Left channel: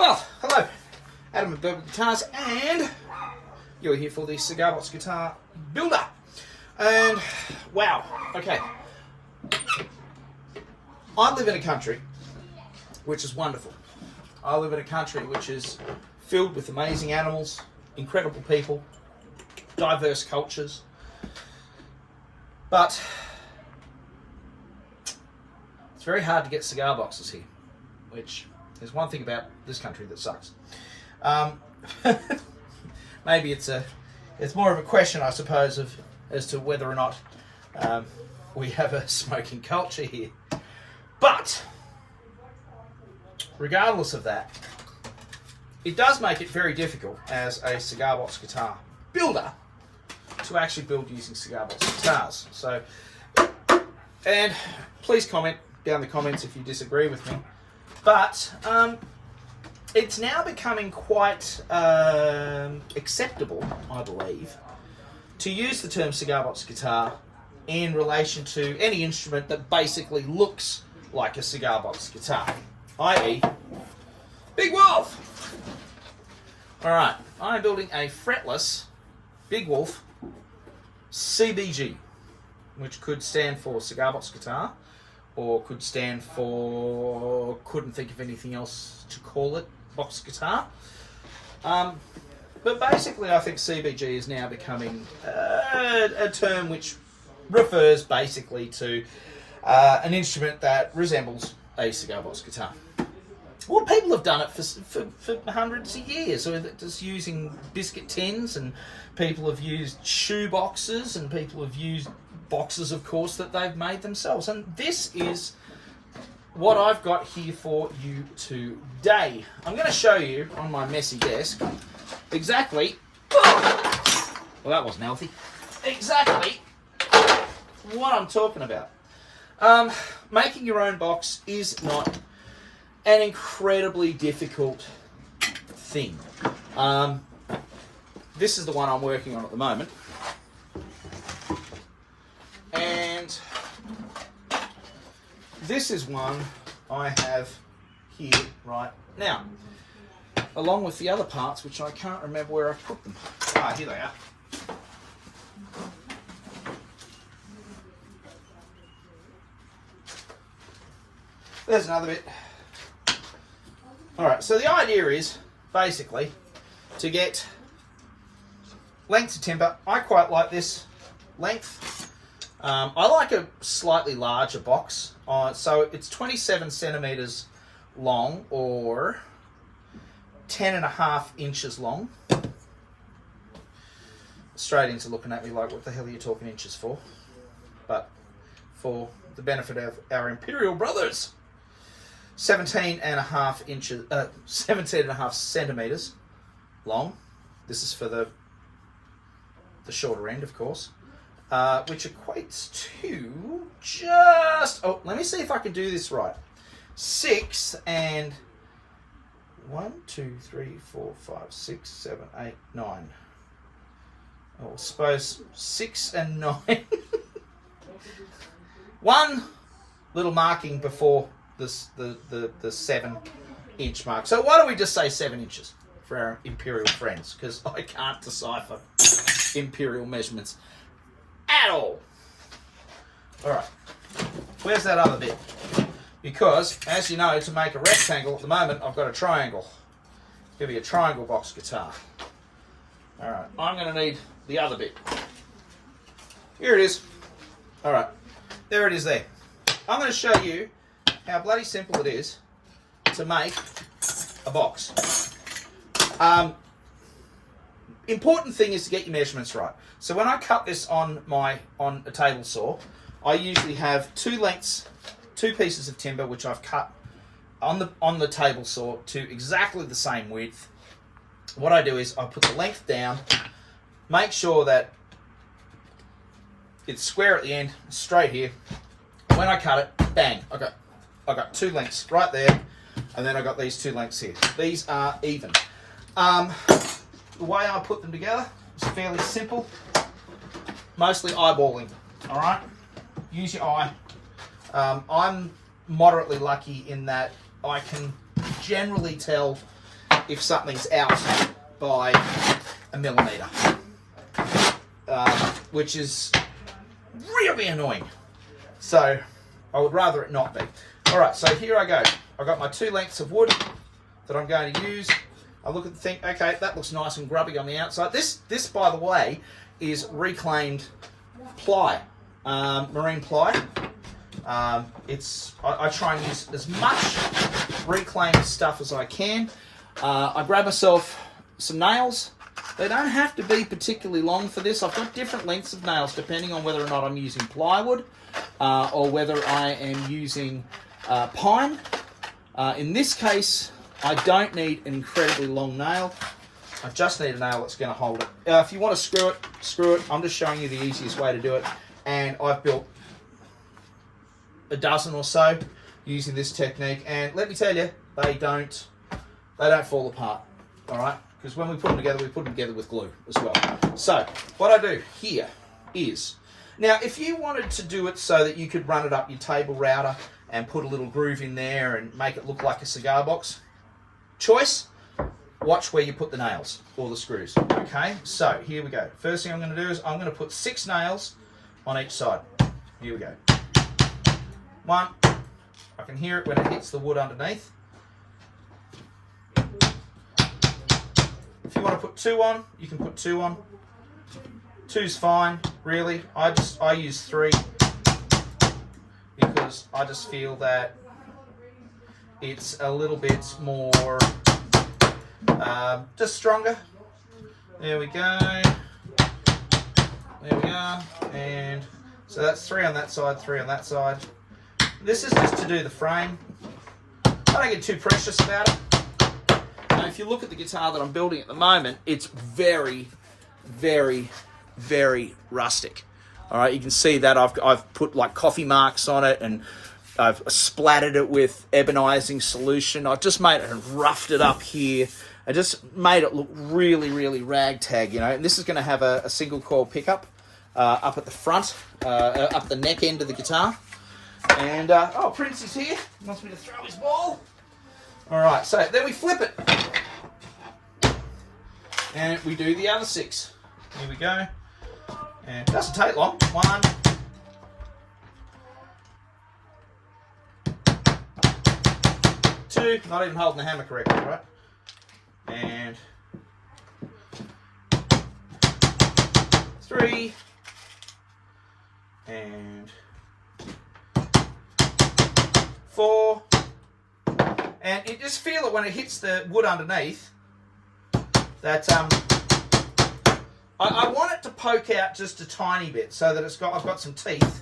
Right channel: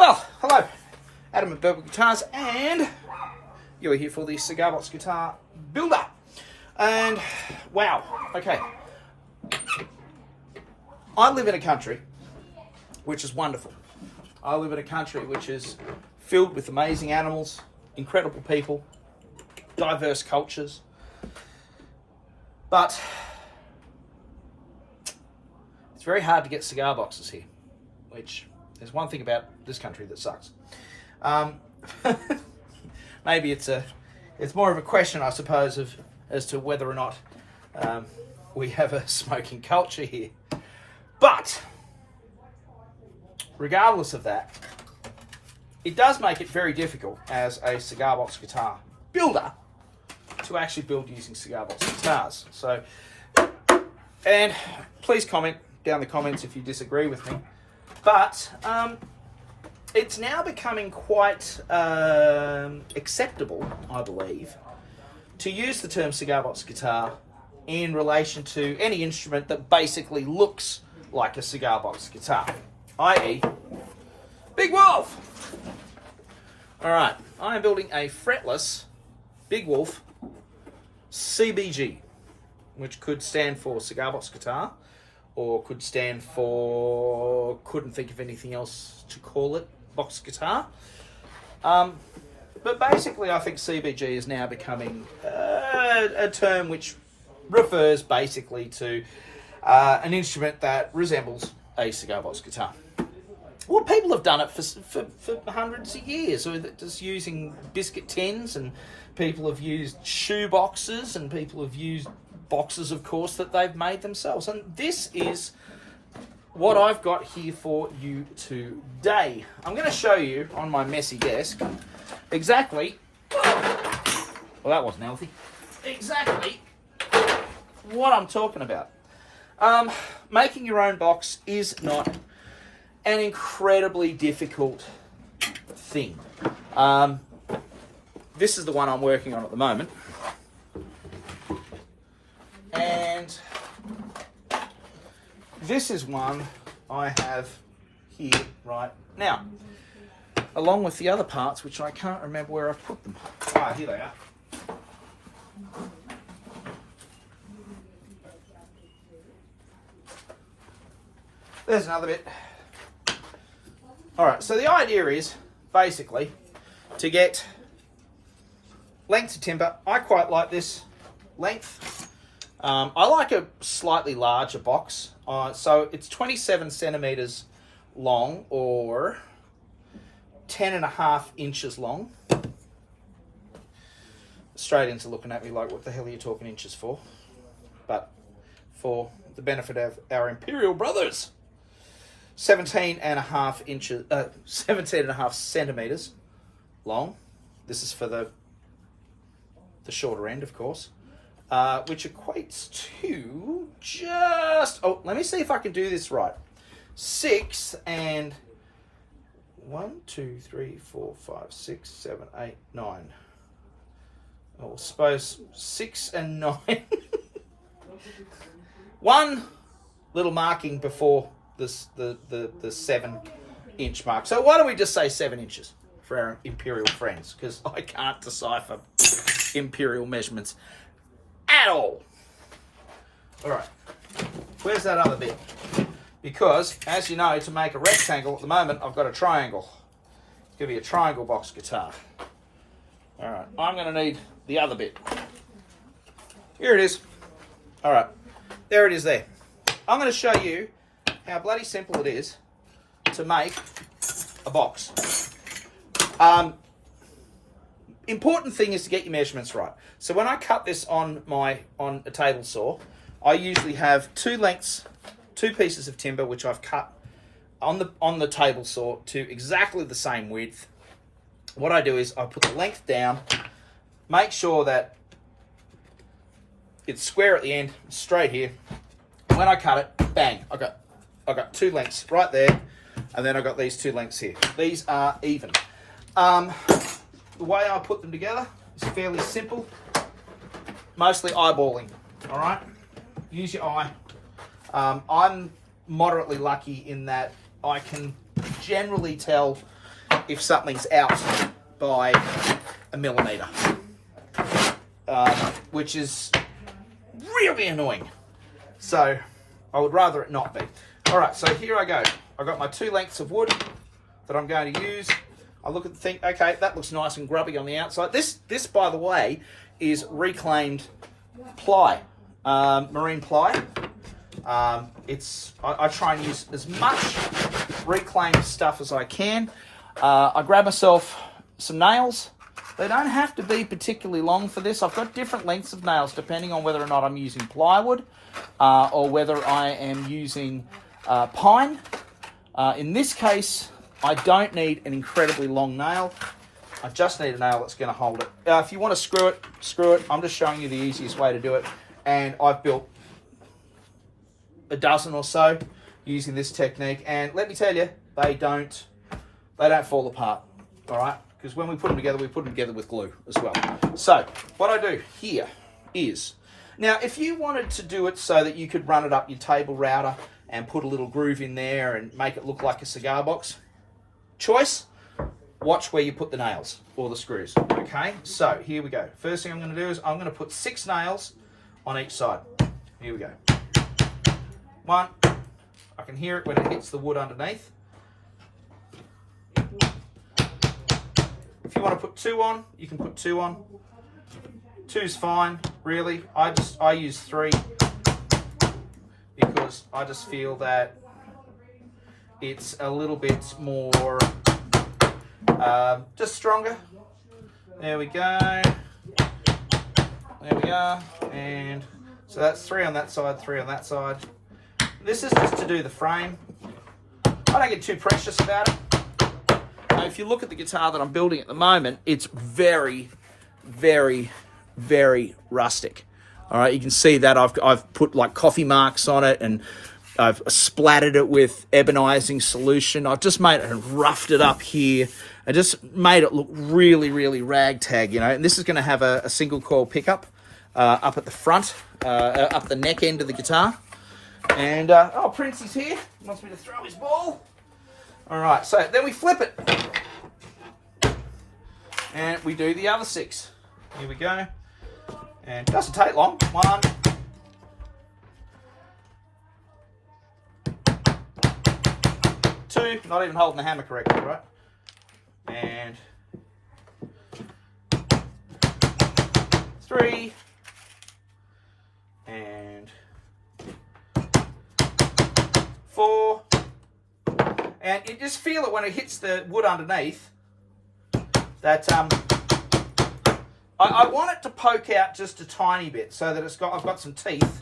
Well, hello, Adam and Velvet Guitars, and you're here for the Cigar Box Guitar Builder. And wow, okay. I live in a country which is wonderful. I live in a country which is filled with amazing animals, incredible people, diverse cultures. But it's very hard to get cigar boxes here, which is one thing about this country that sucks. Maybe it's more of a question, I suppose, as to whether or not we have a smoking culture here. But regardless of that, it does make it very difficult as a cigar box guitar builder to actually build using cigar box guitars. So, and please comment down in the comments if you disagree with me. But it's now becoming quite acceptable, I believe, to use the term cigar box guitar in relation to any instrument that basically looks like a cigar box guitar, i.e. Big Wolf. Alright, I'm building a fretless Big Wolf CBG, which could stand for cigar box guitar, or could stand for, couldn't think of anything else to call it, box guitar. But basically I think CBG is now becoming a term which refers basically to an instrument that resembles a cigar box guitar. Well, people have done it for hundreds of years. So just using biscuit tins, and people have used shoe boxes, and people have used boxes, of course, that they've made themselves. And this is what I've got here for you today. I'm going to show you on my messy desk exactly, well, that wasn't healthy, exactly what I'm talking about. Making your own box is not an incredibly difficult thing. This is the one I'm working on at the moment. And this is one I have here right now, along with the other parts, which I can't remember where I put them. Ah, here they are. There's another bit. Alright, so the idea is basically to get length of timber. I quite like this length. I like a slightly larger box. So it's 27 centimeters long, or 10.5 inches long. Australians are looking at me like, what the hell are you talking inches for? But for the benefit of our imperial brothers, 17.5 inches, 17.5 centimeters long. This is for the shorter end, of course, which equates to just, oh, let me see if I can do this right. 6 and 1, 2, 3, 4, 5, 6, 7, 8, 9. Oh, I suppose 6 and 9. One little marking before this, the 7-inch mark. So why don't we just say 7 inches for our imperial friends? Because I can't decipher imperial measurements at all. All right, where's that other bit? Because, as you know, to make a rectangle at the moment, I've got a triangle. It's going to be a triangle box guitar. All right, I'm going to need the other bit. Here it is. All right, there it is there. I'm going to show you how bloody simple it is to make a box. Important thing is to get your measurements right. So when I cut this on a table saw, I usually have two pieces of timber which I've cut on the table saw to exactly the same width. What I do is I put the length down, make sure that it's square at the end, straight here. When I cut it, bang, I got two lengths right there, and then I got these two lengths here. These are even. The way I put them together is fairly simple, mostly eyeballing. All right, use your eye. I'm moderately lucky in that I can generally tell if something's out by a millimetre, which is really annoying. So I would rather it not be. All right, so here I go. I've got my 2 lengths of wood that I'm going to use. I look at the thing, okay, that looks nice and grubby on the outside. This by the way, is reclaimed ply, marine ply. I try and use as much reclaimed stuff as I can. I grab myself some nails. They don't have to be particularly long for this. I've got different lengths of nails depending on whether or not I'm using plywood or whether I am using pine. In this case, I don't need an incredibly long nail. I just need a nail that's going to hold it. If you want to screw it, screw it. I'm just showing you the easiest way to do it. And I've built a dozen or so using this technique. And let me tell you, they don't fall apart. All right? Because when we put them together with glue as well. So what I do here is, now if you wanted to do it so that you could run it up your table router and put a little groove in there and make it look like a cigar box, choice, watch where you put the nails or the screws. Okay, so here we go. First thing I'm going to do is I'm going to put 6 nails on each side. Here we go. 1, I can hear it when it hits the wood underneath. If you want to put 2 on, you can put 2 on. 2's fine, really. I use 3 because I just feel that it's a little bit more, just stronger. There we go. There we go. And so that's 3 on that side, 3 on that side. This is just to do the frame. I don't get too precious about it. Now, if you look at the guitar that I'm building at the moment, it's very, very, very rustic. All right, you can see that I've put like coffee marks on it, and I've splattered it with ebonizing solution. I've just made it and roughed it up here. I just made it look really, really ragtag, you know. And this is going to have a single coil pickup up at the front, up the neck end of the guitar. And oh, Prince is here. He wants me to throw his ball. All right, so then we flip it, and we do the other 6. Here we go. And it doesn't take long. 1, 2, not even holding the hammer correctly, right? And 3, and 4, and you just feel it when it hits the wood underneath that I want it to poke out just a tiny bit so that I've got some teeth.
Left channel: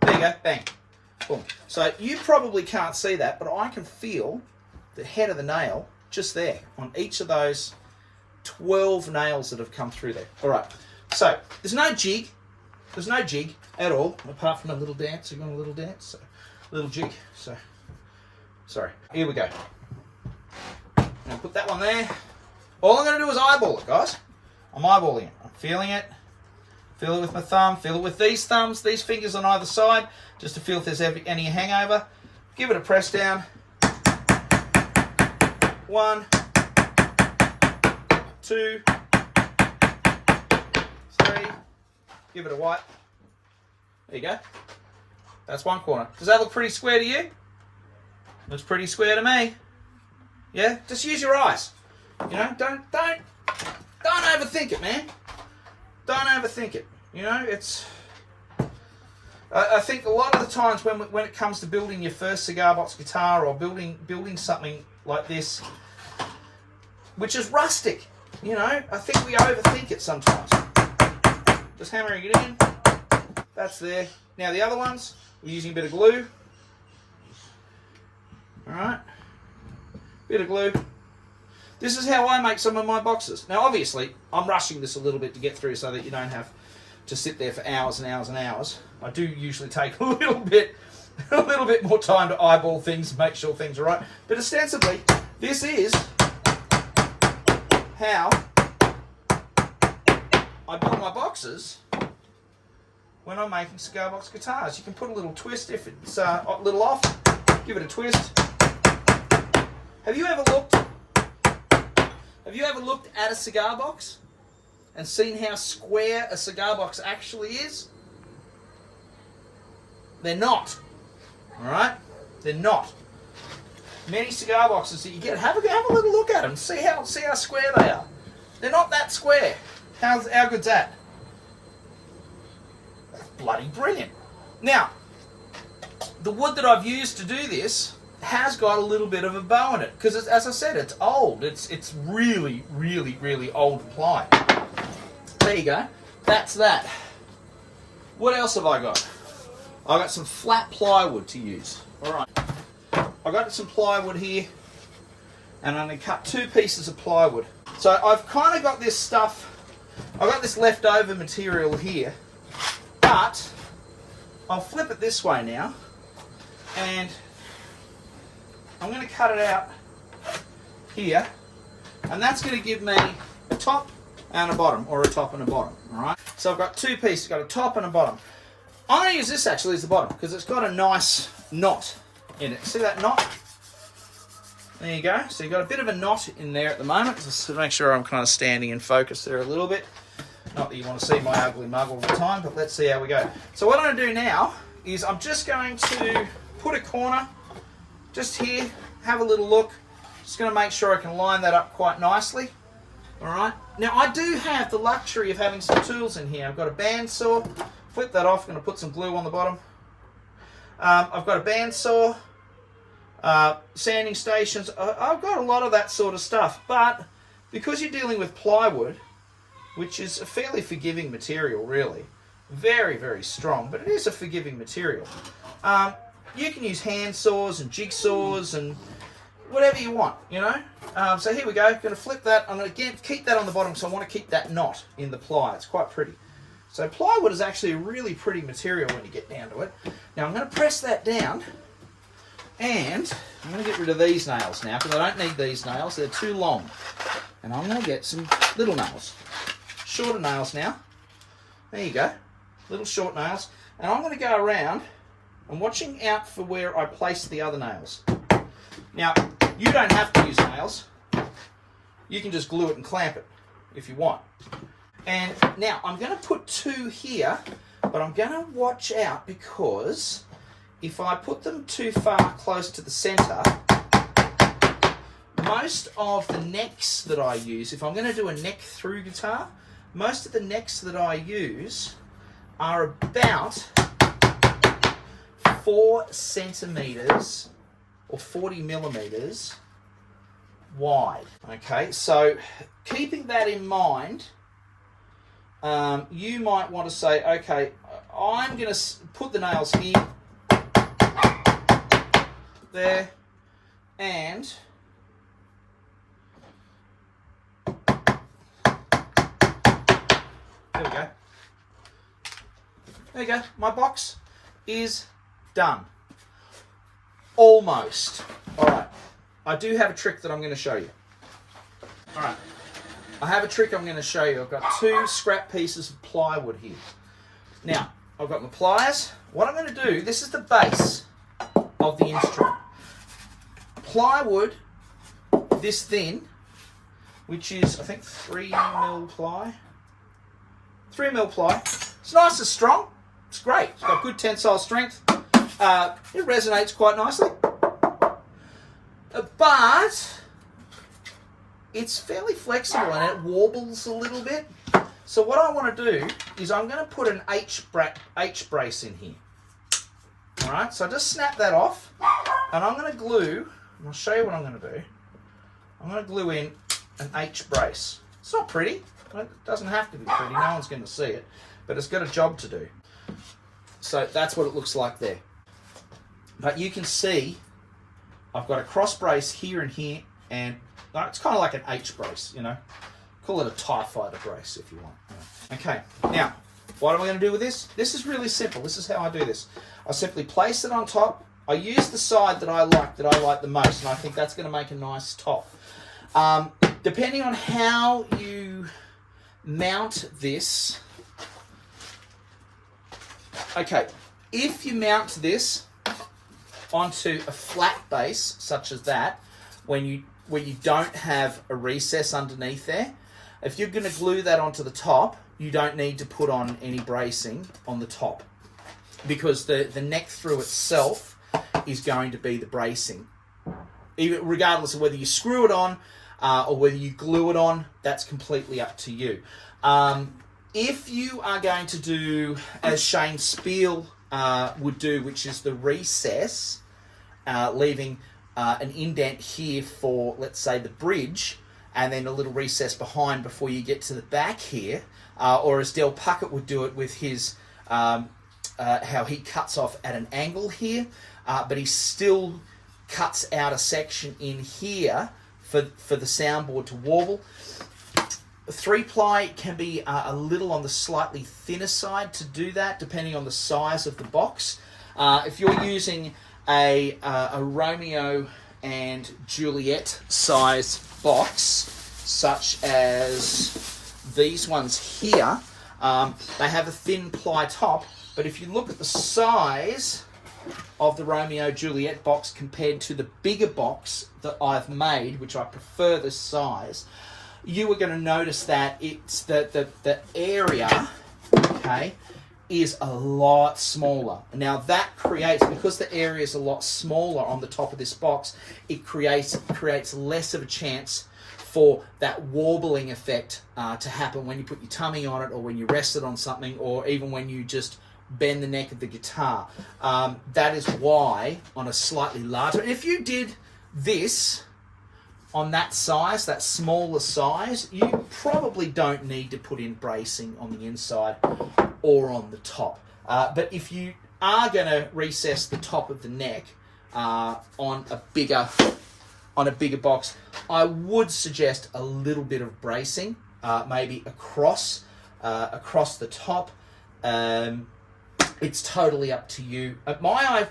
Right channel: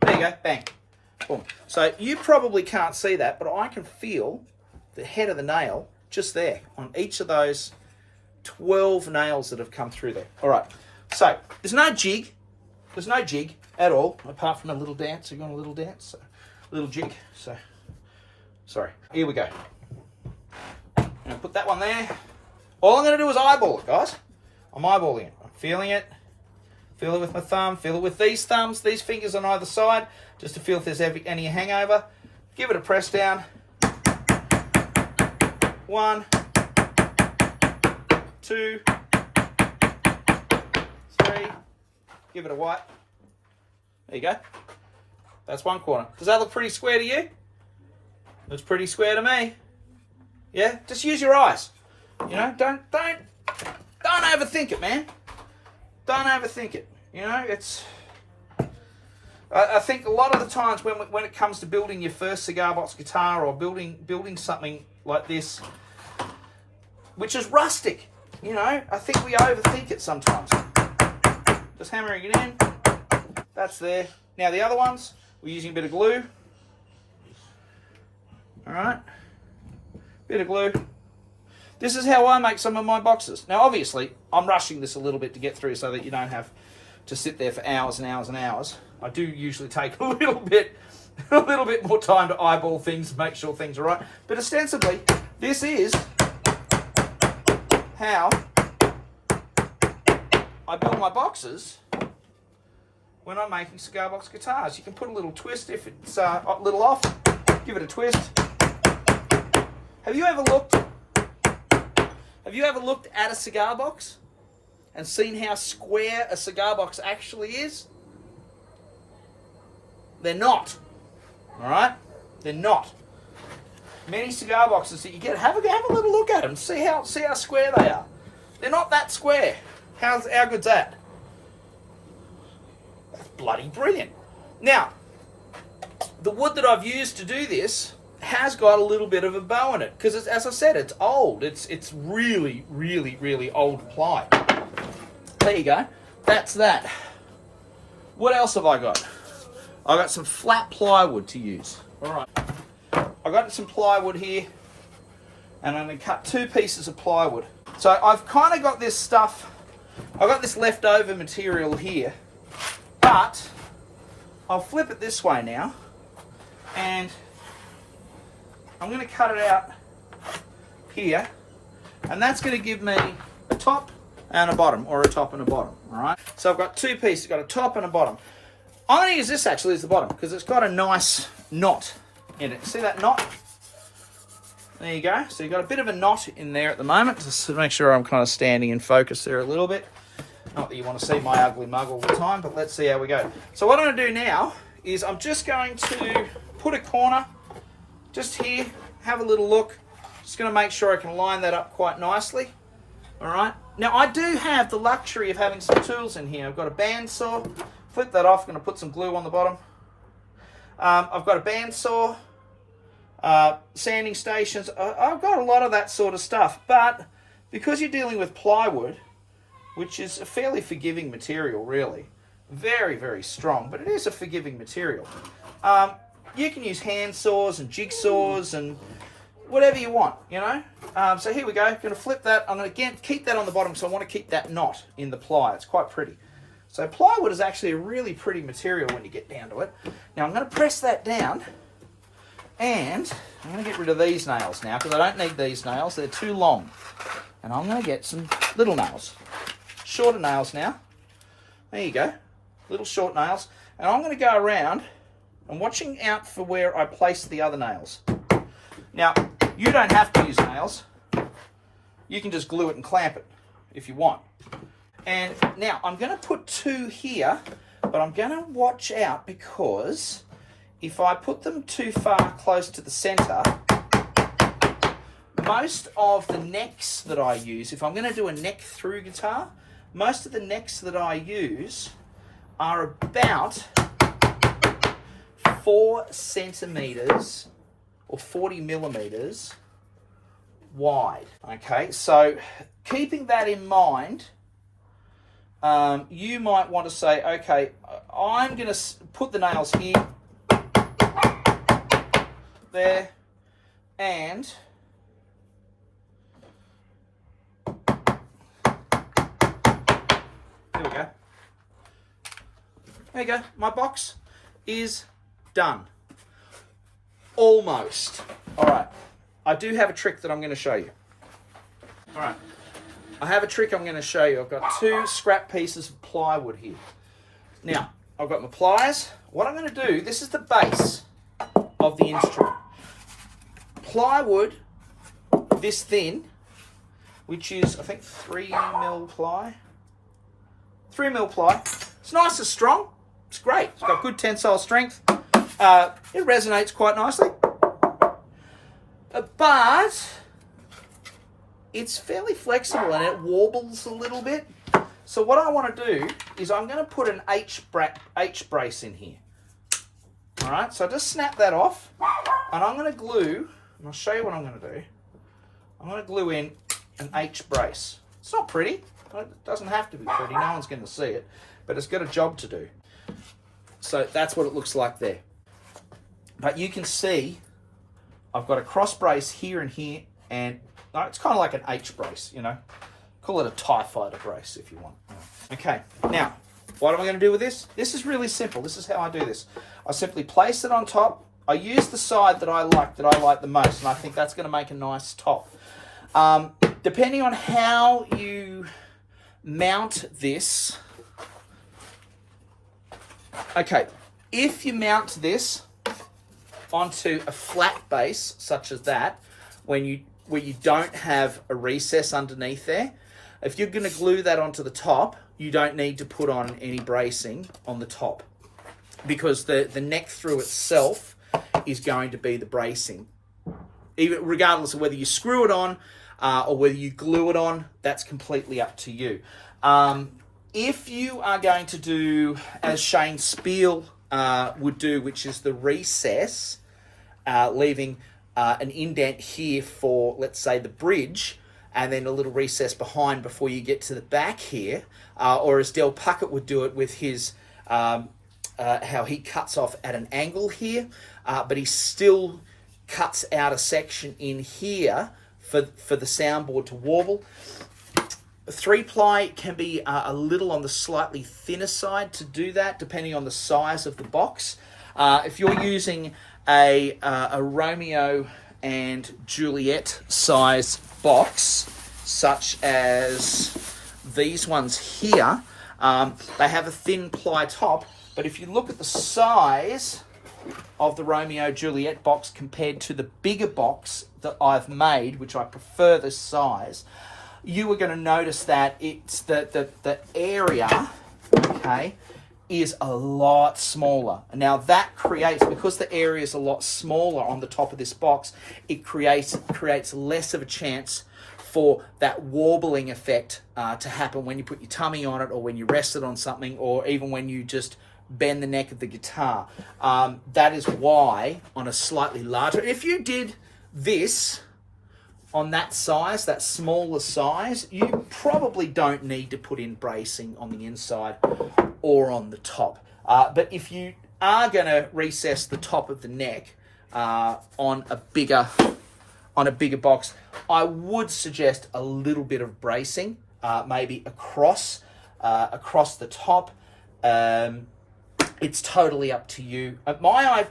There you go, bang. Boom. So you probably can't see that, but I can feel the head of the nail just there on each of those 12 nails that have come through there. All right, so there's no jig. There's no jig at all, apart from a little dance. You're going a little dance, so a little jig. So, sorry. Here we go. I'm going to put that one there. All I'm going to do is eyeball it, guys. I'm eyeballing it. I'm feeling it. Feel it with my thumb. Feel it with these thumbs, these fingers on either side, just to feel if there's any hangover. Give it a press down. 1, 2, 3. Give it a wipe. There you go. That's one corner. Does that look pretty square to you? Looks pretty square to me. Yeah? Just use your eyes. You know, don't overthink it, man. Don't overthink it. You know, it's... I think a lot of the times when it comes to building your first cigar box guitar or building something like this, which is rustic, you know, I think we overthink it sometimes. Just hammering it in. That's there. Now the other ones, we're using a bit of glue. All right. Bit of glue. This is how I make some of my boxes. Now, obviously, I'm rushing this a little bit to get through so that you don't have to sit there for hours and hours and hours. I do usually take a little bit more time to eyeball things and make sure things are right. But ostensibly, this is how I build my boxes when I'm making cigar box guitars. You can put a little twist if it's a little off. Give it a twist. Have you ever looked Have you ever looked at a cigar box and seen how square a cigar box actually is? They're not. All right? They're not. Many cigar boxes that you get, have a little look at them. See how square they are. They're not that square. How good's that? That's bloody brilliant. Now, the wood that I've used to do this has got a little bit of a bow in it because, as I said, it's old. It's really, really, really old ply. There you go. That's that. What else have I got? I've got some flat plywood to use. All right. I've got some plywood here, and I'm going to cut 2 pieces of plywood. So I've kind of got this stuff, I've got this leftover material here, but I'll flip it this way now, and I'm going to cut it out here, and that's going to give me a top and a bottom, or a top and a bottom, all right? So I've got 2 pieces, got a top and a bottom. I'm going to use this actually as the bottom, because it's got a nice knot in it. See that knot? There you go. So you've got a bit of a knot in there at the moment. Just to make sure I'm kind of standing in focus there a little bit. Not that you want to see my ugly mug all the time, but let's see how we go. So what I'm going to do now is I'm just going to put a corner just here, have a little look. Just going to make sure I can line that up quite nicely. All right. Now I do have the luxury of having some tools in here. I've got a bandsaw. Flip that off. I'm going to put some glue on the bottom. I've got a bandsaw. Sanding stations. I've got a lot of that sort of stuff, but because you're dealing with plywood, which is a fairly forgiving material, really, very, very strong, but it is a forgiving material. You can use hand saws and jigsaws and whatever you want, you know. So here we go. Going to flip that. I'm going to keep that on the bottom, so I want to keep that knot in the ply. It's quite pretty. So plywood is actually a really pretty material when you get down to it. Now I'm going to press that down. And I'm going to get rid of these nails now because I don't need these nails. They're too long. And I'm going to get some little nails. Shorter nails now. There you go. Little short nails. And I'm going to go around and watching out for where I place the other nails. Now, you don't have to use nails. You can just glue it and clamp it if you want. And now I'm going to put 2 here, but I'm going to watch out because if I put them too far close to the center, most of the necks that I use, if I'm going to do a neck through guitar, most of the necks that I use are about 4 centimeters or 40 millimeters wide. Okay, so keeping that in mind, you might want to say, okay, I'm going to put the nails here, there, and there we go. There you go. My box is done. Almost. All right. I do have a trick that I'm going to show you. All right. I have a trick I'm going to show you. I've got 2 scrap pieces of plywood here. Now, I've got my pliers. What I'm going to do, this is the base of the instrument. Plywood, this thin, which is, I think, 3mm ply. 3mm ply. It's nice and strong. It's great. It's got good tensile strength. It resonates quite nicely. But it's fairly flexible and it warbles a little bit. So what I want to do is I'm going to put an H brace in here. All right, so just snap that off, and I'm going to glue, and I'll show you what I'm going to do. I'm going to glue in an H brace. It's not pretty. It doesn't have to be pretty. No one's going to see it, but it's got a job to do. So that's what it looks like there. But you can see I've got a cross brace here and here, and it's kind of like an H brace, you know. Call it a TIE Fighter brace if you want. Okay, now, what am I going to do with this? This is really simple. This is how I do this. I simply place it on top. I use the side that I like the most, and I think that's going to make a nice top. Depending on how you mount this, okay, if you mount this onto a flat base such as that, when you where you don't have a recess underneath there, if you're going to glue that onto the top, you don't need to put on any bracing on the top, because the neck through itself is going to be the bracing. Even regardless of whether you screw it on or whether you glue it on, that's completely up to you. If you are going to do as Shane Spiel would do, which is the recess, leaving an indent here for, let's say, the bridge, and then a little recess behind before you get to the back here, or as Del Puckett would do it with his, how he cuts off at an angle here, but he still cuts out a section in here for the soundboard to warble. 3-ply can be a little on the slightly thinner side to do that, depending on the size of the box. If you're using a Romeo and Juliet size box, such as these ones here, they have a thin ply top, but if you look at the size of the Romeo Juliet box compared to the bigger box that I've made, which I prefer this size, you are going to notice that it's the area, okay, is a lot smaller. Now that creates, because the area is a lot smaller on the top of this box, it creates less of a chance for that warbling effect to happen when you put your tummy on it, or when you rest it on something, or even when you just bend the neck of the guitar. That is why on a slightly larger, if you did this on that size, that smaller size, you probably don't need to put in bracing on the inside or on the top. But if you are going to recess the top of the neck on a bigger box, I would suggest a little bit of bracing, maybe across the top. It's totally up to you. My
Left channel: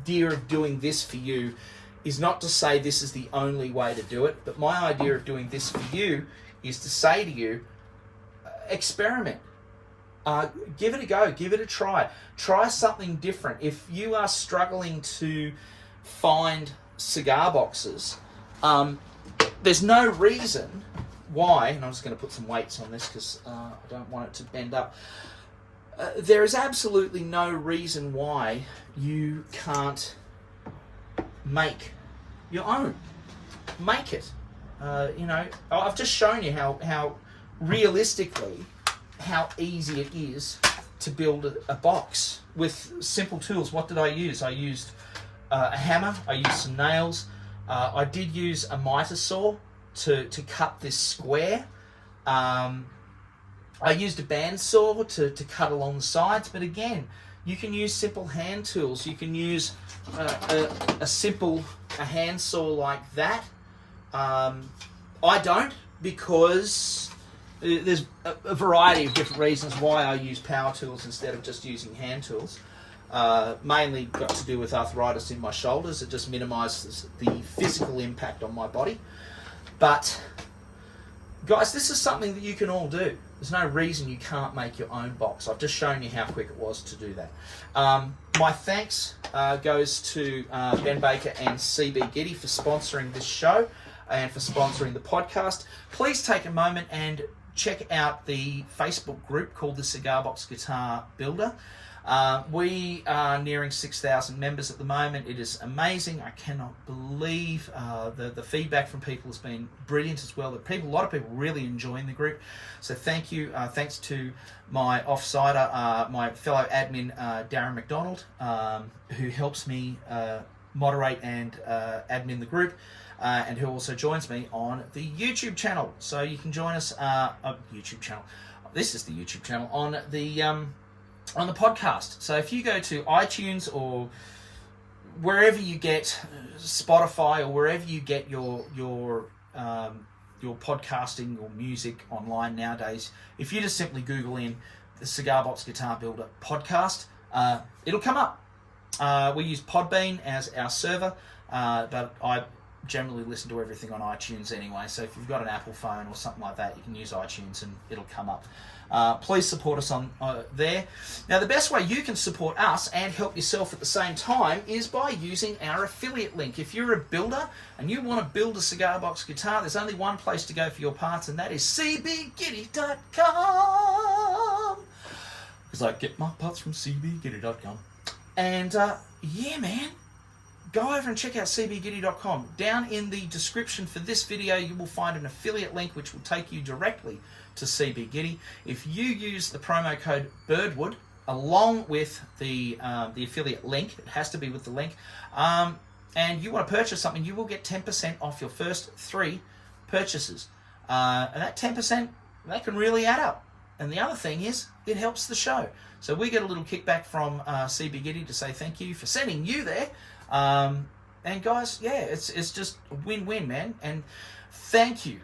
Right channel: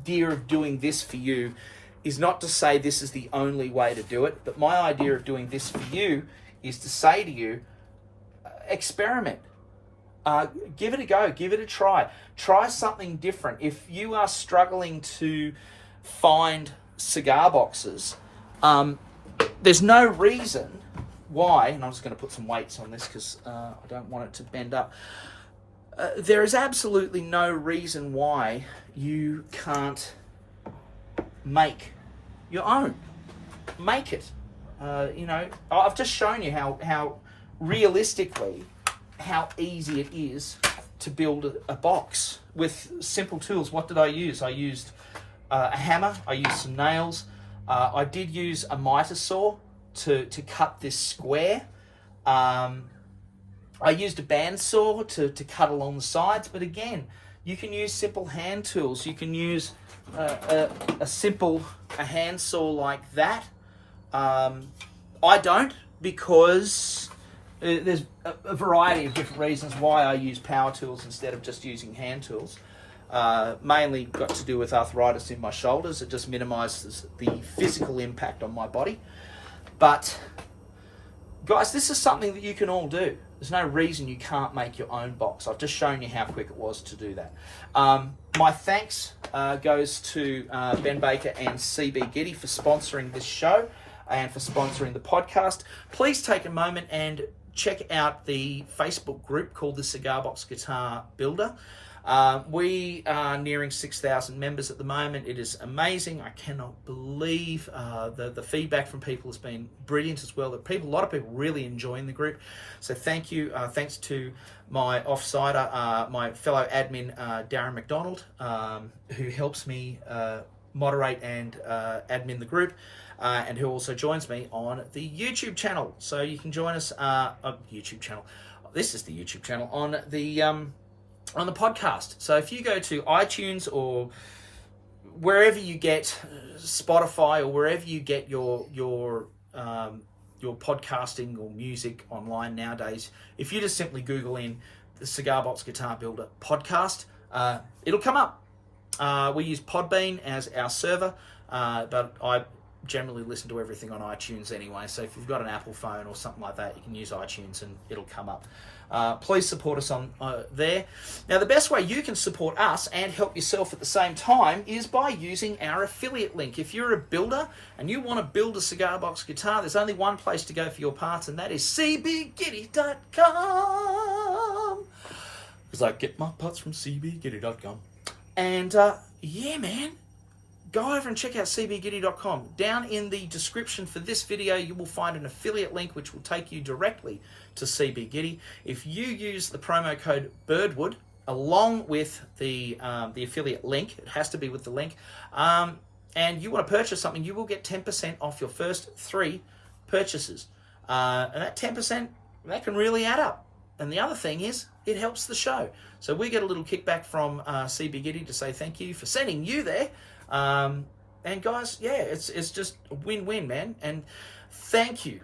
idea of doing this for you is not to say this is the only way to do it, but my idea of doing this for you is to say to you, experiment. Give it a go. Give it a try. Try something different. If you are struggling to find cigar boxes, there's no reason why, and I'm just going to put some weights on this because I don't want it to bend up. There is absolutely no reason why you can't make your own. Make it. I've just shown you how realistically, how easy it is to build a box with simple tools. What did I use? I used a hammer. I used some nails. I did use a miter saw to cut this square. I used a bandsaw to cut along the sides, but again, you can use simple hand tools. You can use a simple hand saw like that. I don't, because there's a variety of different reasons why I use power tools instead of just using hand tools. Mainly got to do with arthritis in my shoulders. It just minimises the physical impact on my body. But guys, this is something that you can all do. There's no reason you can't make your own box. I've just shown you how quick it was to do that. My thanks goes to Ben Baker and CB Giddy for sponsoring this show and for sponsoring the podcast. Please take a moment and check out the Facebook group called the Cigar Box Guitar Builder. We are nearing 6,000 members at the moment. It is amazing. I cannot believe the feedback from people has been brilliant as well. A lot of people really enjoying the group. So thank you. Thanks to my offsider, my fellow admin, Darren McDonald, who helps me moderate and admin the group. And who also joins me on the YouTube channel. So you can join us YouTube channel. This is the YouTube channel on the podcast. So if you go to iTunes or wherever you get Spotify or wherever you get your podcasting or music online nowadays, if you just simply Google in the Cigar Box Guitar Builder podcast, it'll come up. We use Podbean as our server, but I generally listen to everything on iTunes anyway, so if you've got an Apple phone or something like that, you can use iTunes and it'll come up. Please support us on there. Now, the best way you can support us and help yourself at the same time is by using our affiliate link. If you're a builder and you want to build a cigar box guitar, there's only one place to go for your parts, and that is cbgiddy.com. Because I get my parts from cbgiddy.com. And yeah, man, go over and check out cbgiddy.com. Down in the description for this video, you will find an affiliate link which will take you directly to CB Giddy. If you use the promo code Birdwood along with the affiliate link, it has to be with the link, and you want to purchase something, you will get 10% off your first 3 purchases. And that 10%, that can really add up. And the other thing is, it helps the show. So we get a little kickback from CB Giddy to say thank you for sending you there. And guys, yeah, it's just a win-win, man. And thank you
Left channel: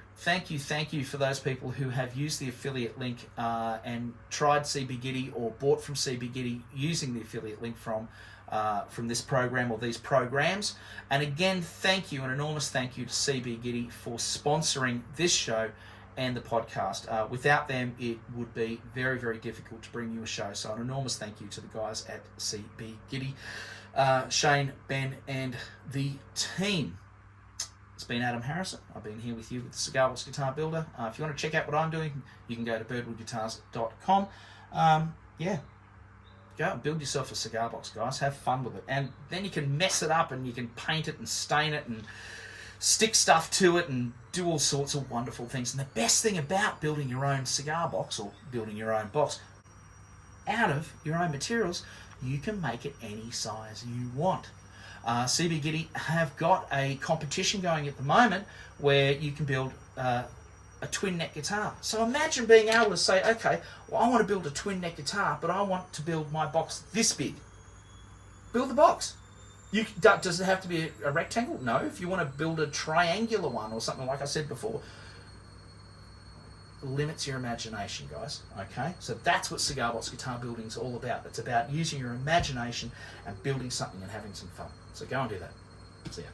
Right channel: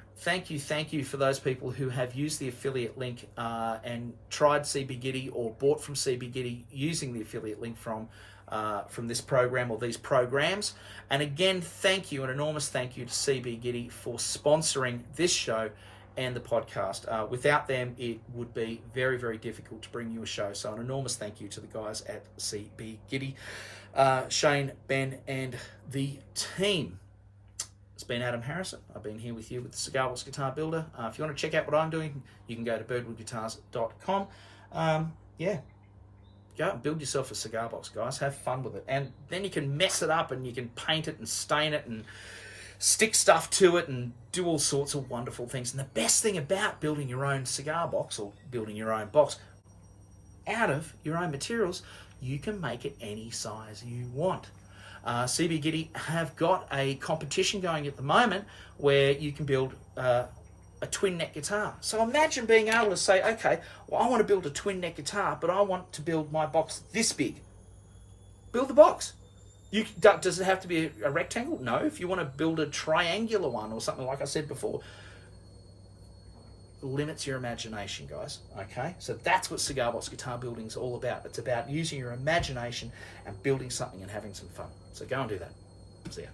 for those people who have used the affiliate link and tried CB Giddy or bought from CB Giddy using the affiliate link from this program or these programs. And again, thank you, an enormous thank you to CB Giddy for sponsoring this show and the podcast. Without them, it would be very, very difficult to bring you a show. So an enormous thank you to the guys at CB Giddy, Shane, Ben, and the team. It's been Adam Harrison. I've been here with you with the Cigar Box Guitar Builder. If you want to check out what I'm doing, you can go to birdwoodguitars.com. Yeah, go and build yourself a cigar box, guys. Have fun with it. And then you can mess it up and you can paint it and stain it and stick stuff to it and do all sorts of wonderful things. And the best thing about building your own cigar box or building your own box out of your own materials, you can make it any size you want. CB Giddy have got a competition going at the moment where you can build a twin neck guitar. So imagine being able to say, okay, well, I want to build a twin neck guitar, but I want to build my box this big. Build the box. Does it have to be a rectangle? No. If you want to build a triangular one or something like I said before, limits your imagination, guys. Okay, so that's what cigar box guitar building is all about. It's about using your imagination and building something and having some fun. So go and do that. See ya.